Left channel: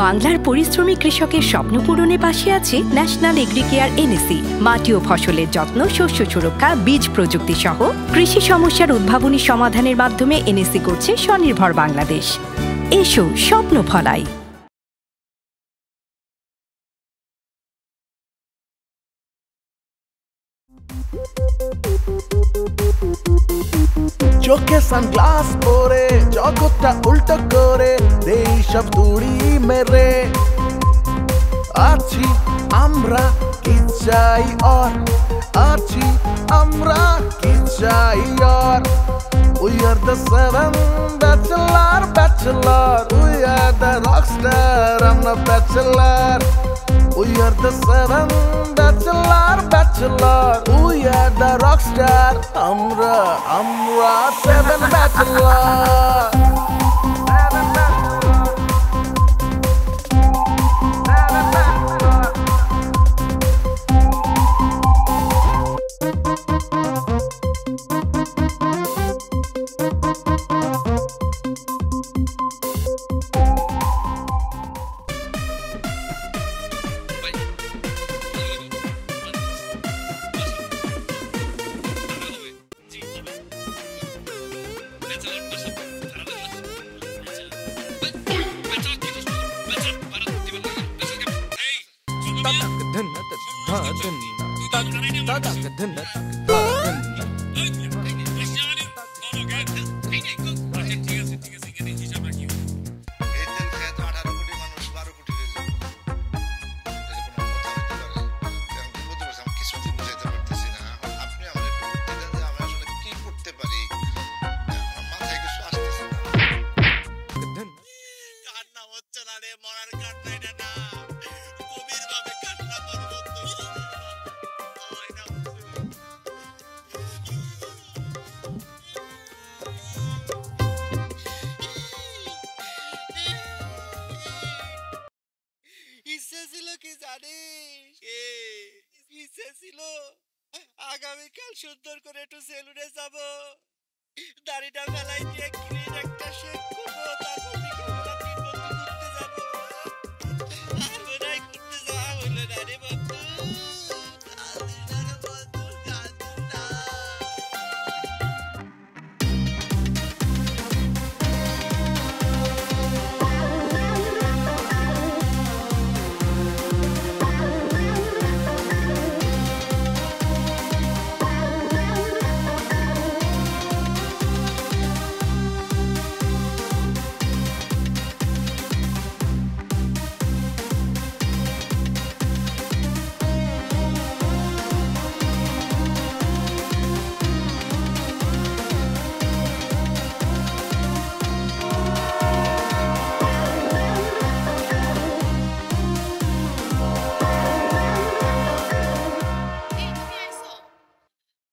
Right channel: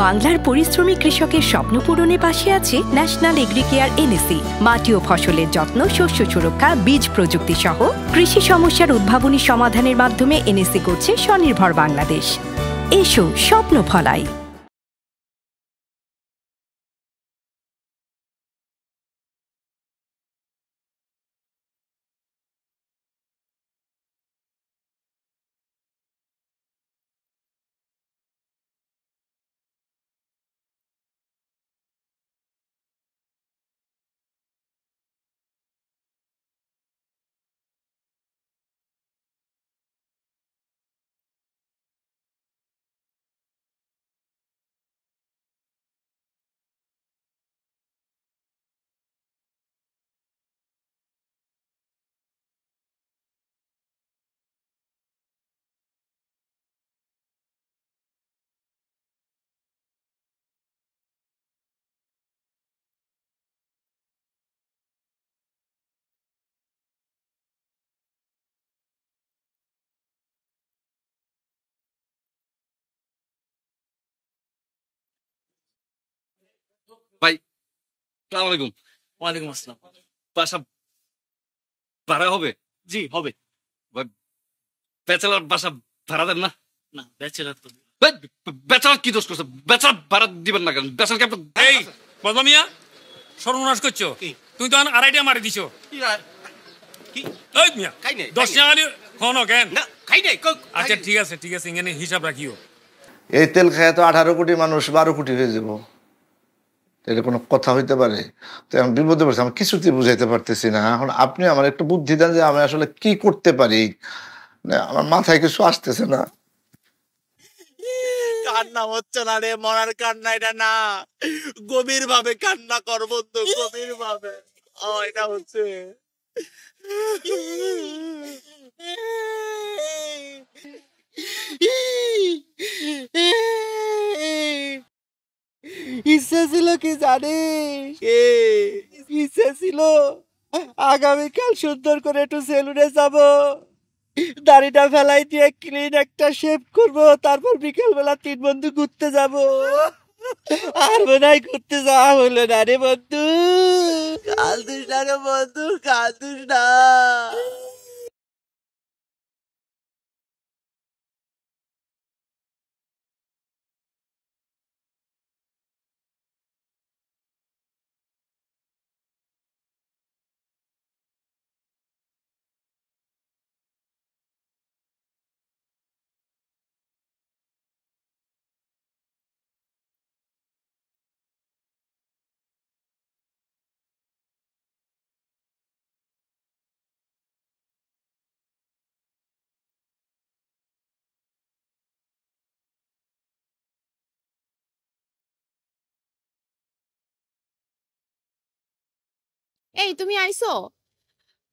বাংলার পরিশ্রমী কৃষকের স্বপ্ন পূরণে পাশে আছে ন্যাশনাল এগ্রিকেয়ার এনএসি। মাটি ও ফসলের যত্ন, শস্য সুরক্ষা, বীজ প্রযুক্তি সহ কৃষি সমস্যার উদ্ভাবনী সমাধানের মাধ্যমে এনএসি করছে স্বনির্ভর বাংলাদেশ। এসো স্বপ্ন ফলাই। চোখে সানগ্লাস পরে জগৎটা উল্টো করে দেই সব তুড়ি মেরে আছি আমরা কি চাই আর আছি আমরা কি চাই আর We are the seven bachelor We are the rockstar, I'm the bachelor We are the seven bachelor We are the rockstar, আমরা seven bachelor ভাই আসসালামু আলাইকুম। ওয়ালাইকুম আসসালাম। বাসা ভাড়া হবে? জি হবে। ব্যাচেলার বাসা ভাড়া দেন না? না ব্যাচেলার। ব্যাচেলার কি দোষ করছে? ব্যাচেলার ভাড়া দিবেন না কেন? ব্যাচেলার কি আপনার এই বদলা মিয়া সর্বনাশ করছো তুই তো আড়াইটা মার দিছো। এই মিয়া 10 টাকা নিয়ে ফোন কেন না খাই নাই। আচ্ছা ঠিক আছে এখানে হিসাব রাখিও। এই তেল খায় তো 18 কোটি মানুষ 12 কোটি হয়ে যাবো, এটা কোনো কথা হইতে পারে? আমি বিপদে পড়ছি, আমি কিছুতেই বুঝাইতে পারতেছি না। এখন আপনি আমার একটু বুদ্ধি দেন যে আমি আসলে কি করতে পারি। আমার মাথায় কিছু আসতেছে না। কান্না হচ্ছে না রে, মরার কান্না এটা না, গভীর ভাবে কান্না করবো তো, গভীর ভাবে। এটা হচ্ছে ইচ্ছা ছিল কি জানিস? ইচ্ছা ছিল আগামীকাল সুন্দর করে একটু সেলুনে যাব, দাড়িটা ফেলাই দিয়ে ক্লিন একটা শেভ করবো, তারপর বিকেল বেলা 3 বন্ধু ঘুরতে যাব। আর মনে হয় ঘুরতে যাওয়া হলো না রে বন্ধু। কাল দিস না রে বন্ধু, কাল দিস না।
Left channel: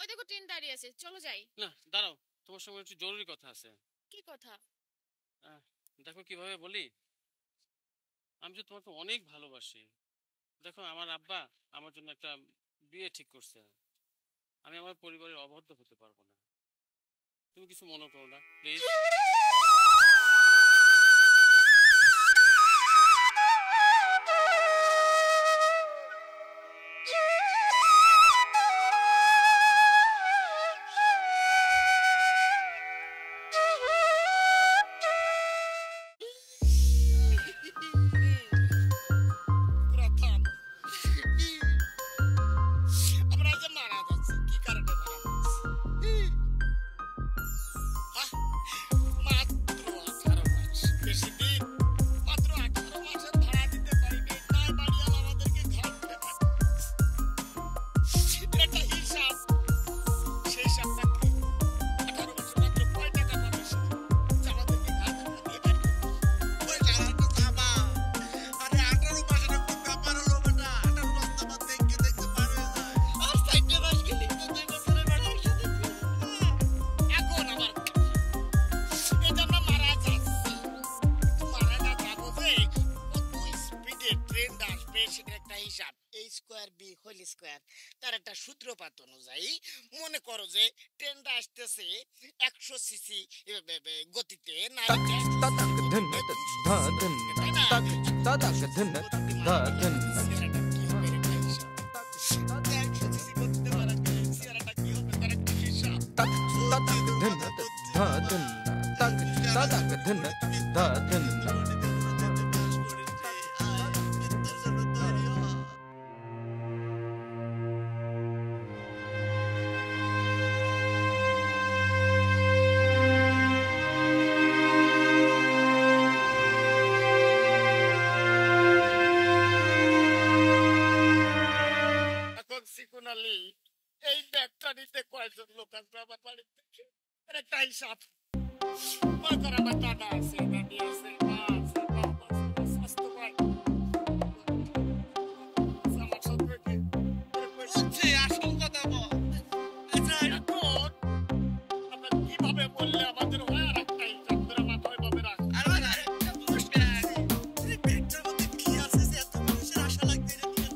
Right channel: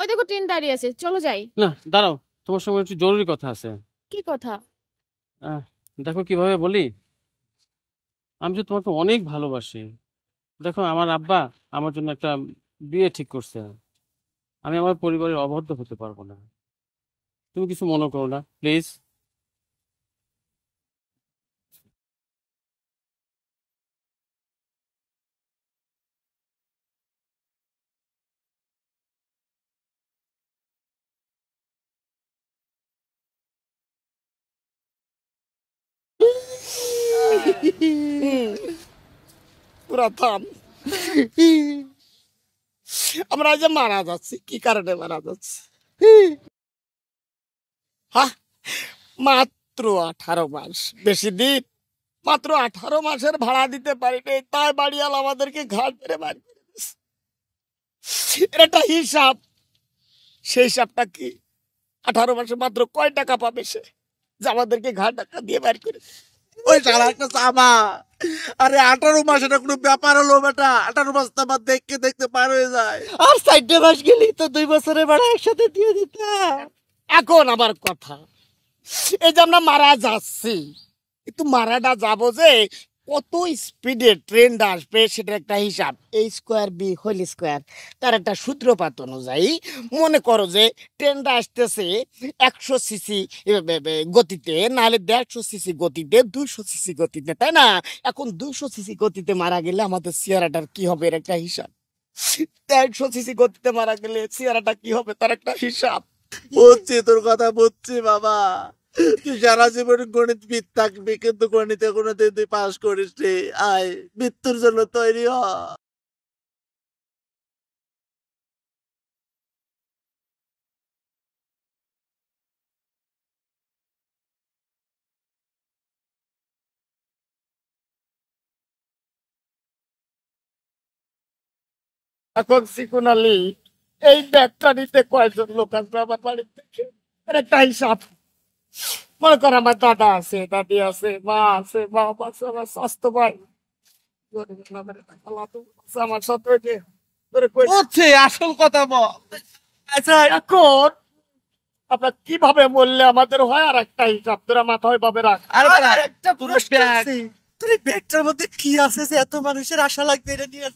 ওই দেখো ট্রেন দাঁড়িয়ে আছে, চলো যাই। না দাঁড়াও, তোমার সঙ্গে একটু জরুরি কথা আছে। কি কথা? দেখো কিভাবে বলি, আমি যে তোমাকে অনেক ভালোবাসি। দেখো আমার আব্বা আমার জন্য একটা বিয়ে ঠিক করছে, আমি আমার পরিবারের অবাধ্য হতে পারবো না। তুমি কিছু মনে করো না প্লিজ। আমরা যে মারা যাচ্ছি, কি কারণে মারা যাচ্ছি? মাত্র 18 মাস, বেশি দিন, মাত্র 18 মাসের ভাড়া দিতে পারিনি, তাই বাড়িওয়ালা আমাদেরকে ঘাট ধরে বাড়ি। এটা হিসাব, সেই হিসাবটা কি? 18 মাসে মাত্র কয় টাকা পাবে সে যে আমাদেরকে ঘাট টাকা দিয়ে বাড়ি করে? ওই শালা একটা চামা। আরে 18 মাস এটা কোনো ব্যাপার হলো বেটা? 18 মাস তো আমার দেখতে পার হয়ে যায়। আর 4 মাস গেলি তো 2 বছরের ভাড়া একসাথে দিয়ে দিতাম। এখন আমার কথা, এই যে আমরা মারা যাচ্ছি, কিন্তু মারাটা যাবো যে কত স্পিডে ট্রেনটা আসবে সেটার একটা হিসাব, a square b whole square, তার একটা সূত্রপাত অনুযায়ী মনে করো যে ট্রেনটা আসতেছে 100 সিসি গতিতে, নাহলে 150 সিসি গতিতে, 200 সিসি গতিতে, তাই না? এখন 200 সিসি গতিতে মারা গেলে আমাদের চেহারাটার কি হবে এর একটা হিসাব, 150 সিসি গতিতে মারা গেলে চেহারাটা কি হবে তার একটা হিসাব। বুঝছি তোর কথা, বুঝছি বাবা। তুই সারা জীবনে গণিতবিদ থাকবি, কিন্তু গণিতে কোনোদিন তুই পাস করিস নি। আয় মৃত্যুর জন্য তৈরি হ। এখন সিকুন আলী, এই ব্যাগটা নিতে কয়জন লোক আসবে আমার বাড়ি থেকে এর একটা হিসাব। মনে কর আমার দাদা আছে, দাদি আছে, মা আছে, বাপ আছে, আমার স্বাস্থ্য ভাই, আমার সাথে আসল কথা বল। আচ্ছা, এখন আমরা কিভাবে বললে আমাদের হয় আর একটা হিসাব তোরা মাথায় ভাবে রাখ। ব্যাগটার মধ্যে কি আছে যে এত মানুষের আশা লাগবে এটা নিয়ে?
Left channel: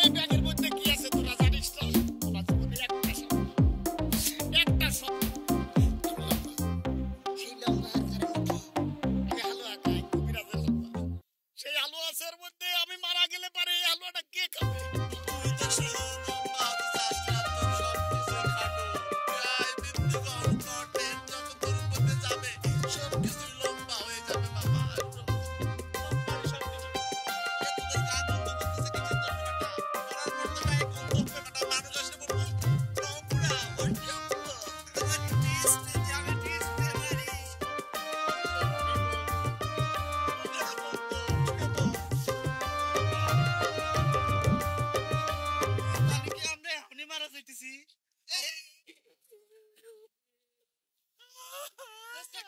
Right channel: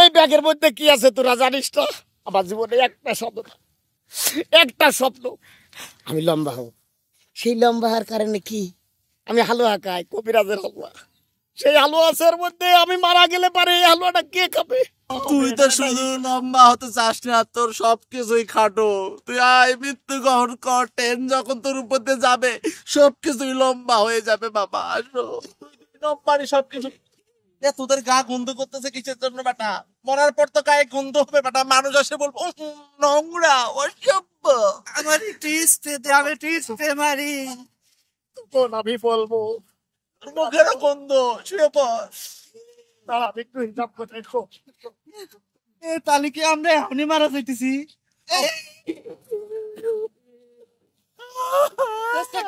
এই ব্যাগের মধ্যে কি আছে তোরা জানিস তো? আমার জীবনে একটা শব্দ, আমি লম্বা হব। সেই লম্বা হওয়ার কারণে কি আমি হালুয়া খাই, কবিরাজের হালুয়া। সেই হালুয়ার মধ্যে আমি মারা গেলে পারে এই হালুয়াটা কে খাবে? তুই তো শুধু লম্বা হতে চাস না, তোর সবকিছুই খাটো। তুই আয় মৃত্যু গ্রহণ কর, ট্রেন যখন তোর উপর দিয়ে যাবে সবকিছুই লম্বা হয়ে যাবে বাবা। আসো লম্বারই সবকিছু। তোদের গা গন্ধ করতেছে কিসের জন্য বেটা? মরার পর তো গায়ে গন্ধ হবে বেটা, মানুষ আসে বলবো নোংরা অসভ্য। আমার আমি টিস্টে মারি, আমি বলবো মুখের গন্ধ। শুয়ে পড়। তাহলে কি আমরা এখনই মারা যাইতেছি?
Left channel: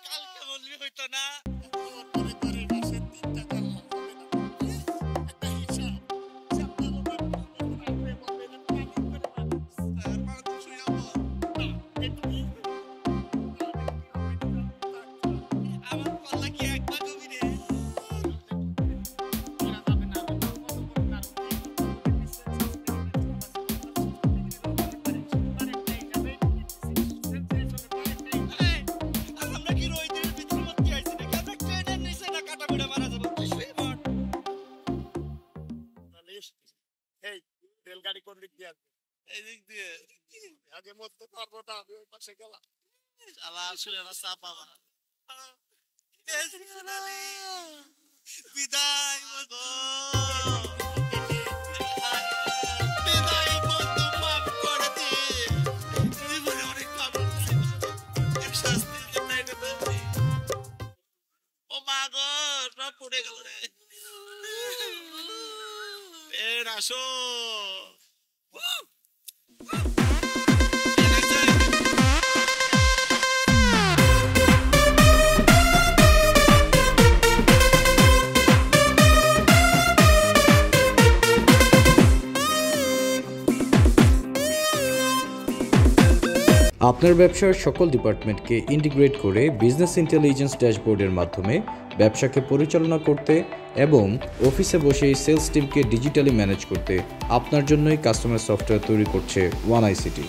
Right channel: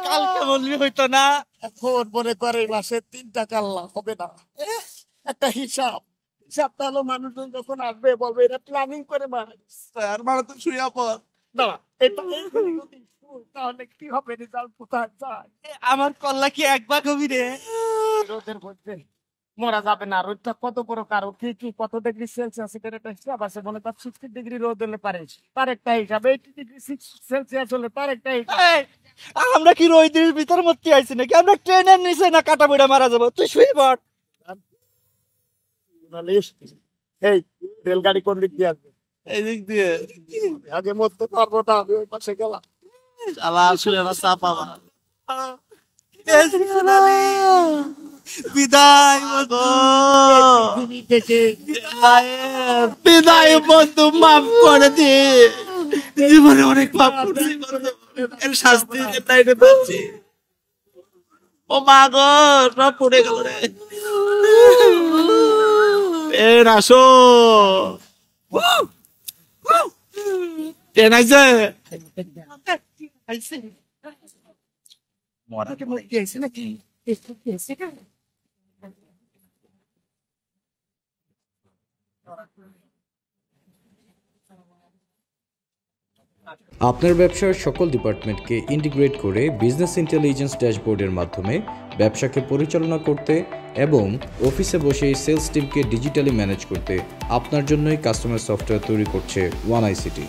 কালকে বললি হইতো না? এখন মনে করে মাসে 3টা কাল্লা হবে না, একটা হিসাব। ভালো মানুষজন যখন আসবে বলবে এটা প্ল্যানিং করে মানুষ। আর মানে তো শুয়ে পড়। কি হবে আমার কল্লা কি একবার গভী রে? রোদের মধ্যে মরা যাবে না। রোদটা কত বড় কারো কি কত ডিগ্রি সেলসিয়াস এখানে একটা হিসাব আছে। বলে তার 60 ডিগ্রি রোদ হলে পারে, তার একটা হিসাব। 80 ডিগ্রি সেলসিয়াস হলে তার একটা হিসাব। আমরা কি রোদের ভিতর মধ্যে আইছি নাকি? আমরা ট্রেনের নিচে না কাটা বুড়া মারা যাবো। তুই শুয়ে পড়। এই রেলগাড়ি কোন দিক দিয়ে আসবে? এই দিক দিয়ে। আগে মরতে পারবো না, আমি ওই পাশে গেলাম। বিদায় বিদায় বন্ধু, মাফ করে দি। জীবনে অনেক পাপ করেছি, শাস্তি পাচ্ছি। ও মা গো, সব পড়ে গেল রে। ট্রেন আসো, ট্রেন আসছে। আপনার ব্যবসার সকল ডিপার্টমেন্টকে ইন্টিগ্রেট করে বিজনেস ইন্টেলিজেন্স ড্যাশবোর্ডের মাধ্যমে ব্যবসাকে পরিচালনা করতে এবং অফিসে বসে সেলস টিমকে ডিজিটালি ম্যানেজ করতে আপনার জন্যই কাস্টমার সফটওয়্যার তৈরি করছে ওয়ান আইসিটি।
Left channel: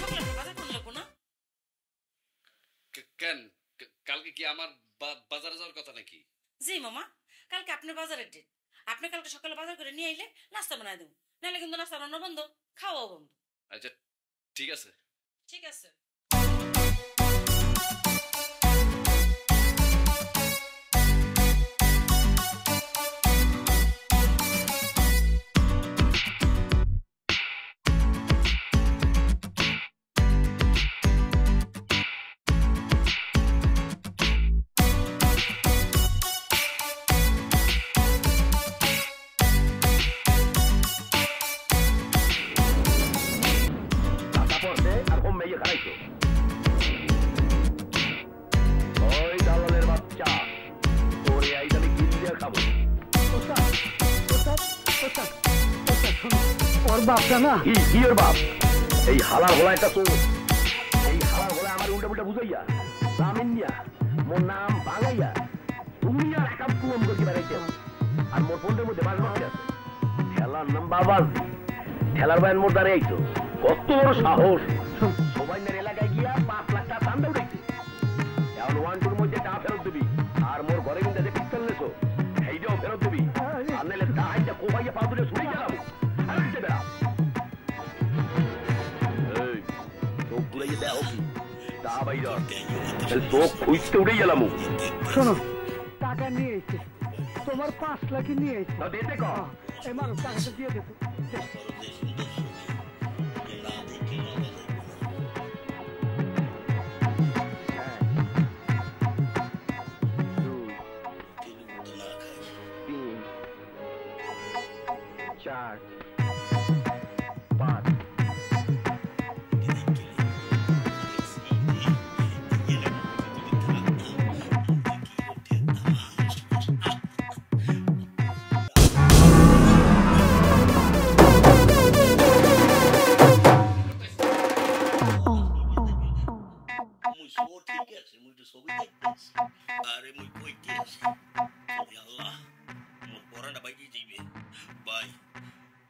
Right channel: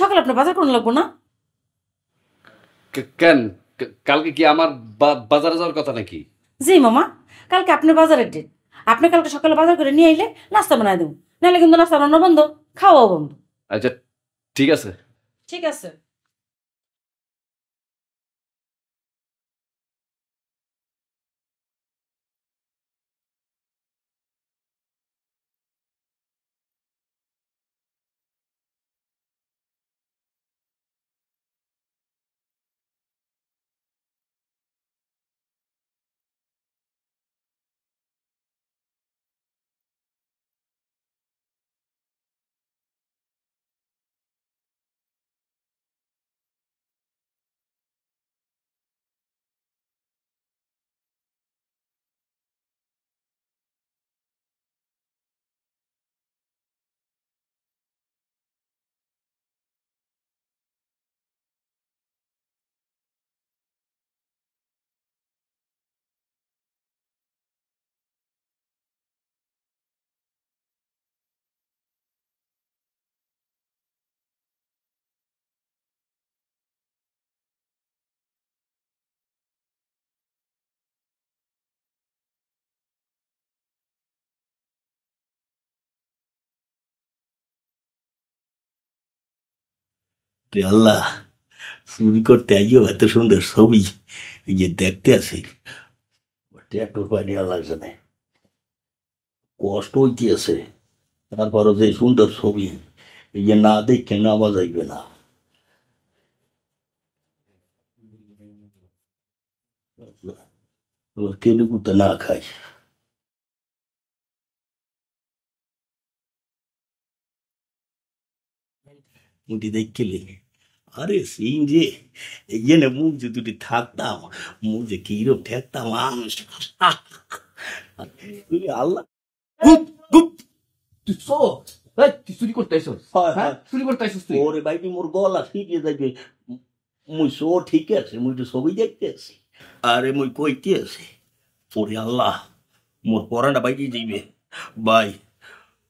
সকালে আপনার বাজার কোন লাগবো না? কেন কালকে কি আমার বাজারে যাওয়ার কথা নাকি? জি মামা, কালকে আপনার বাজারের ডেট। আপনি কালকে সকালে বাজার করে নিয়ে আইলে নাস্তা বানাই দেবো, নাহলে কিন্তু নাস্তা বানানো বন্ধ, খাওয়াও বন্ধ। আচ্ছা ঠিক আছে। ঠিক আছে। ওর বাপটা না, কি ওর বাপ? এই হালার হলা একটা তো এই হালার হলা আমার উল্টা পুল্টা বুঝাইয়া রামিন মিয়া মোর নাম বাঙাইয়া তুমি আর একা পুম করতে পারাইতে আর মোর ফোনের মধ্যে বাজ বাজ আছে খেলার নাম বাবাজি খেলার বাইন মোর দাঁড়িয়ে আইতো কত বড় সাহস সবাই মেরে এলাকায় গিয়া 5 লাখ টাকা চান্দা উঠাইছে এখন 1-2 মধ্যে টাকা ফেরত দিবি আর মোর ঘরে কিন্তু যে পিস্তল নেছো এইটাও ফেরত দিবি আর নাইলে টাকাটা কোবাইয়া পা তুলে ছুরি গেলাম আইতে বেড়া আল্লাহ ছবি করতে আইও এত সুন্দর ছবি যে দেখতে আছে কষ্ট হইতেছে তারপরও যে সুন্দর ছবি যে না দেখে নামা যাইবে না তেলুগুতে না খাই দেখলে আরে সেই যে এখানে মুখ যে তুই থাকতাম মুখ যে কিরো ঠেকতাম ঠিক আছে মুই তো ছবি দেখতেছি আরে মুই কইতে আছি ওরে আল্লাহ মোর পড়াটা বাইকে যাইবে ভাই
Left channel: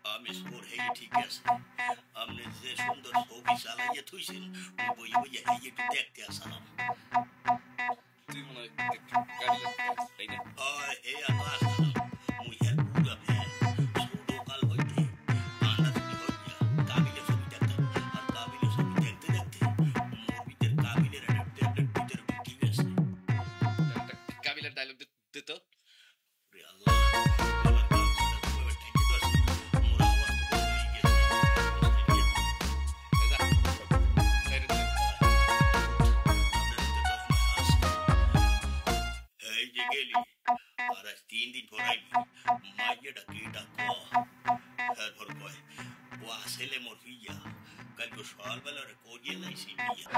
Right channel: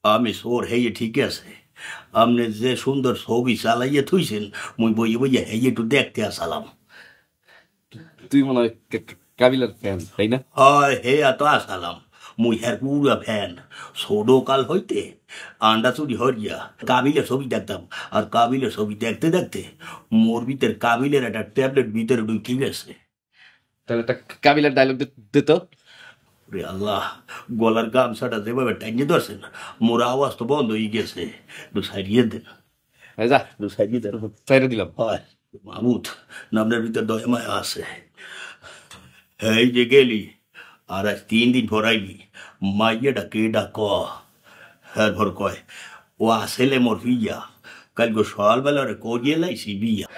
আমি সোর হেয়ে ঠিক আছে আপনি যে সুন্দর ছবি চালাইয়ে থুইছেন মুই বইয়ে বইয়ে হেয়ে একটু দেখতে আসালাম তুই মনে হয় কাবিলার ফ্যান তাই না? হয় হে এত আসালাম মুই হ্যার পুরা ফ্যান ছোট কাল হইতে আন্ডা চুরি হইয়া কাবিলের ছবি দেখতাম আর কাবিলের ছবি দেখতে দেখতে মোর ভিতর কাবিলের একটা ট্যাবলেট ভিতরে ঢুকে গেছে তাহলে একটা কাবিলার ডায়লগ দিত রে আল্লাহ গলার গামছাটা যেভাবে টাঙিয়ে ধরছে মোর আওয়াজ তো বন্ধ হয়ে গেছে তো সাইডিয়ে দে যা সাইডে দে সাইডে দিলাম হয় ভূত নামটার ভিতর দয়মায় আছে এই যে গেলি আর আজ 3 দিন পর আইবি মাইয়াটা কেডা ক হ্যাঁ ভর কয় ও আসলে মোর বিয়া কালকে সকালবেলা রে করিয়ে লাইছি বিয়া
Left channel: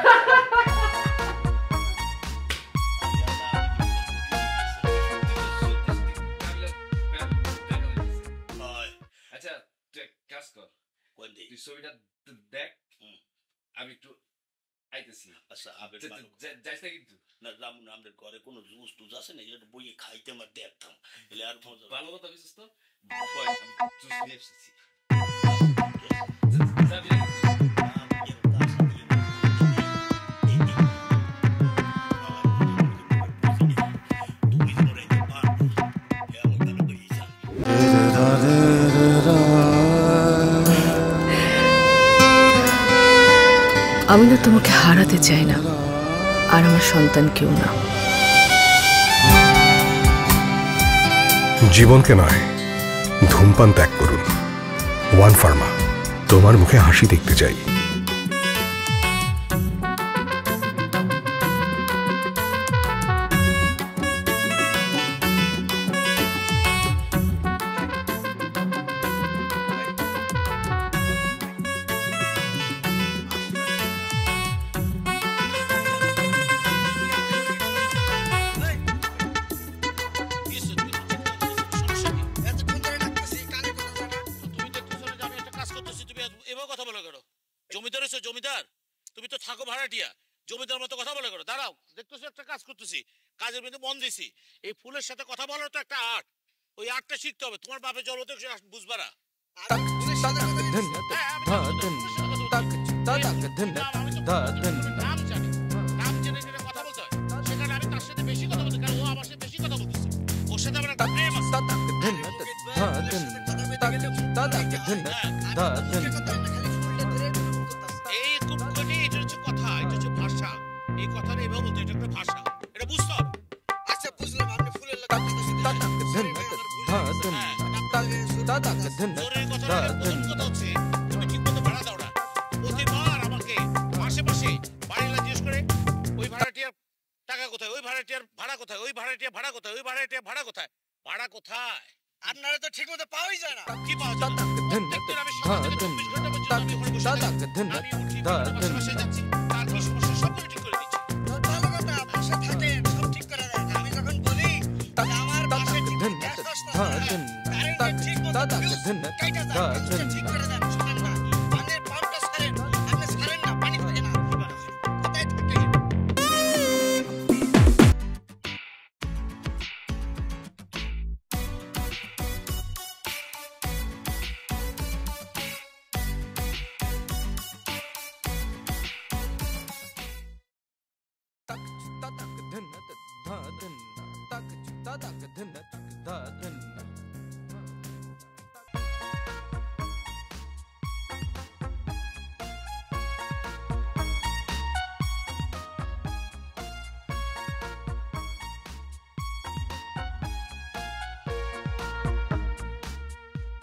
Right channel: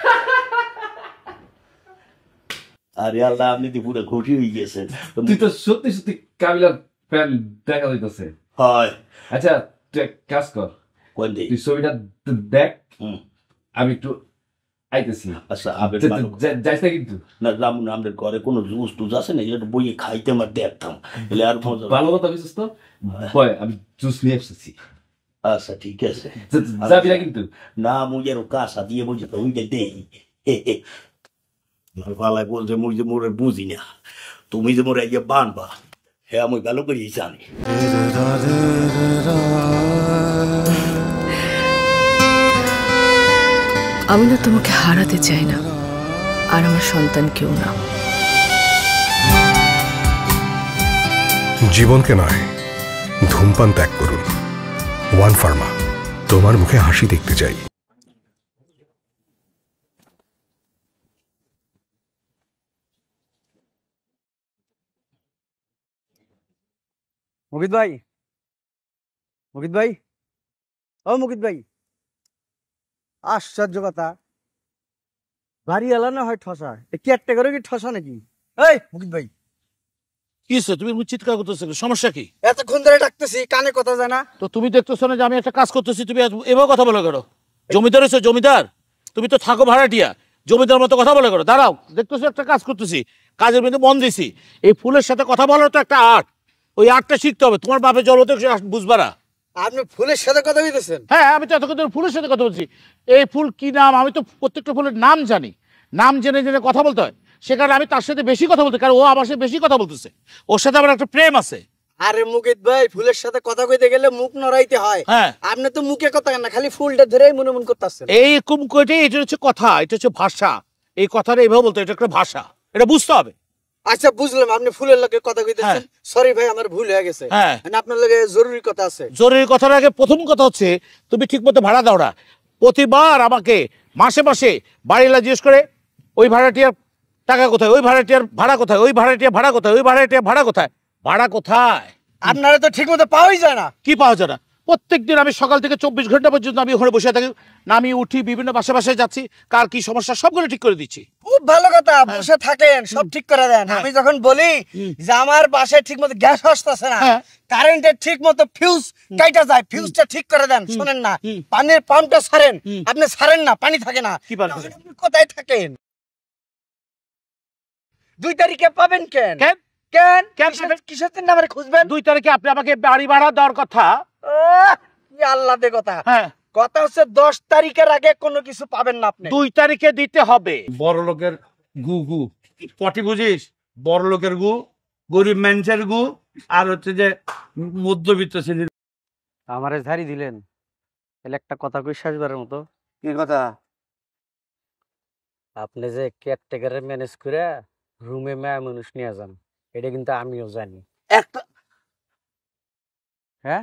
আরে আল্লাহ আমি তো পুরো খুশি হয়ে গেছে তুই তো সত্যি সত্যি কাবিলার ফ্যান দেখা যাইতেছে হয় আচ্ছা তুই এক কাজ কর কোন দিন তুই ছবিটা দেখ আমি একটু আইতেছি আচ্ছা আবের যাইস না কিন্তু না রামু আমাদের ঘরে কোনো জুস টুস আছে না এটা বইয়ে খাইতে আমার দেখতাম এলে আর মজা ভালো কথা বুঝছিস তো ভয় আমি জুস নিয়ে এসেছি আচ্ছা ঠিক আছে যাবি না কিন্তু না মুগের কাঁসা দিয়ে বলতে তো উঠে দে পালায় বলছে মুই যে মোরে বুঝি না তুমি যে মোরে যে বানবা হ্যাঁ আমি ভালো করেই জানি আমি না তোমাকে হারাতে চাই না আর আমার সন্তান কেউ না জীবনকে নয় ধূমপান ত্যাগ করুন ওয়ান ফার্মা তোমার মুখে হাসি দেখতে চাই মুকিত ভাই ও মুকিত ভাই আশ্চর্য কথা গাড়ি এলা না হয় ঠসা কি একটা করে কি ঠসা নাকি এই মুকিত ভাই কিসে তুমি চিৎকার করতেছো সমস্যা কি এতক্ষণ ধরে ডাকতেছি কানে কথা যায় না তো তুমি দেখতেছো না যে আমি একটা কাজ করতেছি তুমি এভাবে কথা বলে করো জমিদার হইছো জমিদার তুমি তো থাকো ভাড়াটিয়া জমিদার মতো কথা বলে করো দাঁড়াও দেখতেছো একটা কাজ করতেছি কাজের মধ্যে মন দিছি এই ফুলের সাথে কথা বলার তো একটা আর্ট ওই আর্টটা শিখতে হবে তোমার বাপের জলতে বুঝবা না আপনি ফুলের সাথে কথা বলতেছেন হ্যাঁ আমি তো এতক্ষণ ধরে ফুলের সাথে কথা বলছি এই ফুল কি নাম আমি তো প্রত্যেকটা ফুলের নাম জানি নাম জেনে জেনে কথা বলতে হয় সেখানে আমি তার সাথে বেশি কথা বলতে কারণ ও আমার সাথে বেশি কথা বলতেছে ওর সাথে আমার একটা প্রেম আছে আরে মুকিত ভাই ফুলের সাথে কথা কইতে গেলে মুখ নড়াইতে হয় হ্যাঁ আপনি তো মুখে কথা না খালি ফুলটা ধরেই মনে মন করতেছেন এই কুম কইতে এটা হচ্ছে কথা এটা হচ্ছে ভাষা এই কথাটা এইভাবে বলতে এটা একটা ভাষা এটা বুঝতে হবে আচ্ছা বুঝলাম আপনি ফুলের লগে কথা কইতেছেন সরি ভাই আমার ভুল হয়ে গেছে মানে আপনার লগে জরুরি কথা আছে জরুরি কথার আগে প্রথম কথা হচ্ছে তুমি ঠিকমতো ভাড়া দাও না প্রতিবার আমাকে মাসে মাসে বাড়িলা জিজ্ঞেস করে ওই ভাড়াটিয়ার টাকা কোথায় ওই ভাড়াটিয়ার ভাড়া কোথায় ওই ভাড়াটিয়ার ভাড়া কোথায় ওই ভাড়াটিয়ার ভাড়া কোথায় ভাড়া কোথায় আপনারা তো ঠিক মতো পাওয়াই যায় না। কি পাওয়া যায় না? প্রত্যেকদিন আমি সকাল থেকে 24 ঘন্টা পর্যন্ত আমি ওখানে বসে থাকি, নামি উঠি, বিভিন্ন বাসায় যাচ্ছি, কার কি সমস্যা সবগুলো ঠিক করে দিচ্ছি। খুব ভালো কথা, বসে থাকেন, সব ঠিক করে দেন। আমি যখন বলি যে আমার বাসায় ঠিক মতো গ্যাস আসতেছে না, কারেন্টের ঠিক মতো ফিউজ কাইটা যায়, ফিউজটা ঠিক করে দেন, শুনেন না, পানির পাম্পটা ছাড়েন, আপনি ছাড়েন না, পানি থাকে না। কি বলেন? কোথায় থাকেন? 2 তারিখে পাবেন কেন? কেন কিসের জন্য আমারে খুঁজবেন? 2 তারিখে আপনি আমাকে বাড়ি ভাড়া দেওয়ার কথা। আল্লাহ দে কথা। কথা হচ্ছে 10 তারিখের আগে কোনো কিছু পাবেন না আপনি। 2 তারিখে দিতে হবে। বড় লোকের গু গু পটি বুঝিস? বড় লোকের গু, গরিব মানুষের গু, আর হচ্ছে যে মধ্যবিত্ত শ্রেণীর। আমারে ঝাড়ি দিলেন, তাহলে একটা কথা কই শেষবারের মতো। কি কথা? আপনি যে কেয়ারটেকারে ম্যানেজ করে রুমে মেয়ে মানুষ নিয়ে যান, এটা কিন্তু আমিও জানি। হ্যাঁ,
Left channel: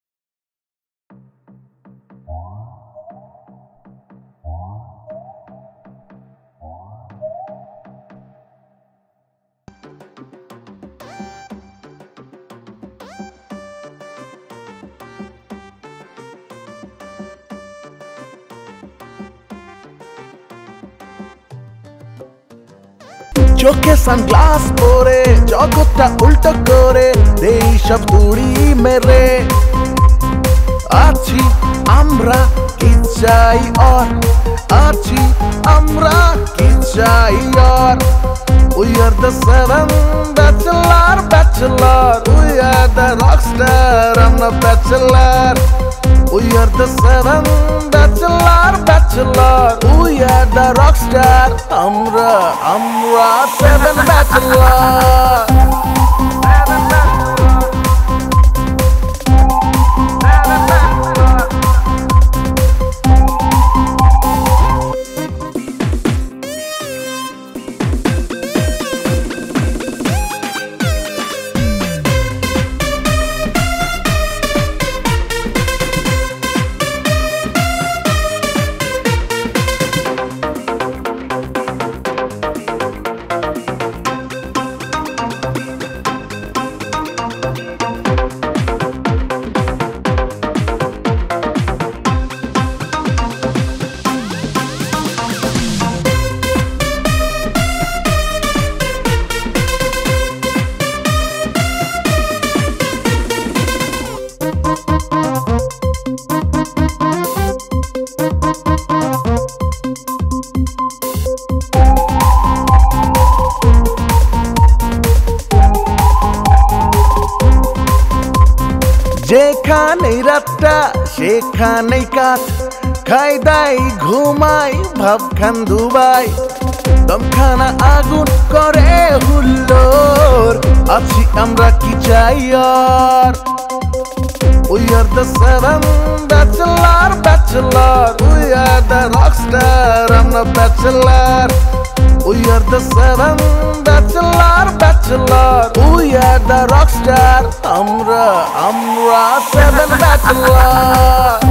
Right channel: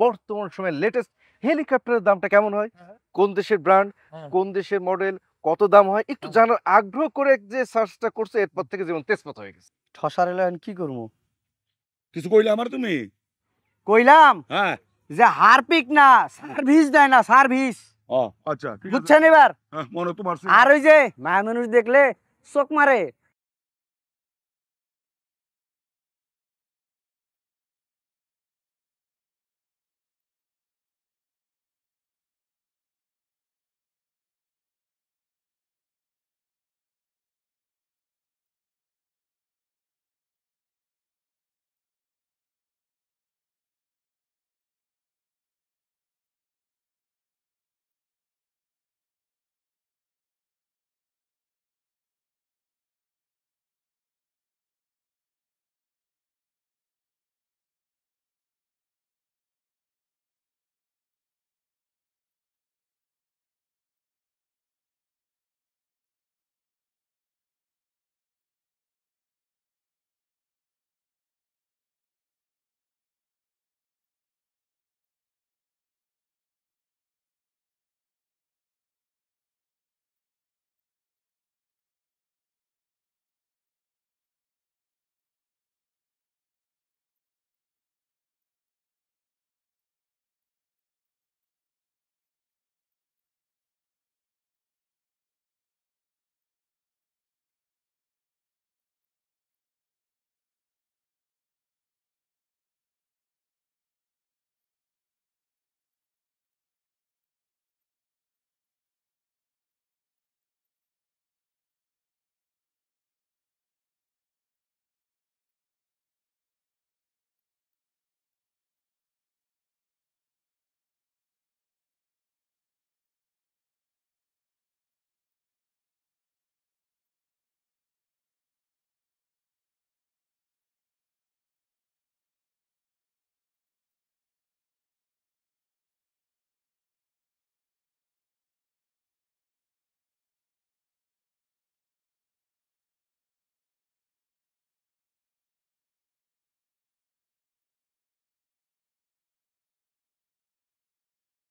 বর্তমান সময়ে লেটেস্ট হেলিকপ্টারের দামটা কেমন হয়, কোন দেশের ব্র্যান্ড, কোন দেশের মডেল, কত দাম হয়, একটু জানার আগ্রহ করে যে সার্চটা করছে, এরপর থেকে যেমন তেজপাত হয়ে গেছে। ঠসার হলে আমি কি করবো? কিছু কইলে আমার তুমি কইলাম যে হারপিক না, সার্ভিস দেয় না, সার্ভিস। আচ্ছা, বুঝছেন এবার? মনে তোমার আর ওই যে মায়া মানুষ দেখলে চোখ মারে, চোখে সানগ্লাস পরে জগৎটা উল্টো করে দেই সব তুড়ি মেরে আছি আমরা কি চাই আর আছি আমরা কি চাই আর We are the 7 bachelor We are the rockstar, I'm the bachelor We are the 7 bachelor We are the rockstar, আমরা 7 bachelor যেখানেই রাতটা সেখানেই কাঠ খাই দাই ঘুমাই ভাবখান দুবাই দমখানা আগুন করে হুল্লোর আছি আমরা কি চাই আর We are the 7 bachelor We are the rockstar, I'm the bachelor We are the 7 bachelor We are the rockstar, আমরা 7 bachelor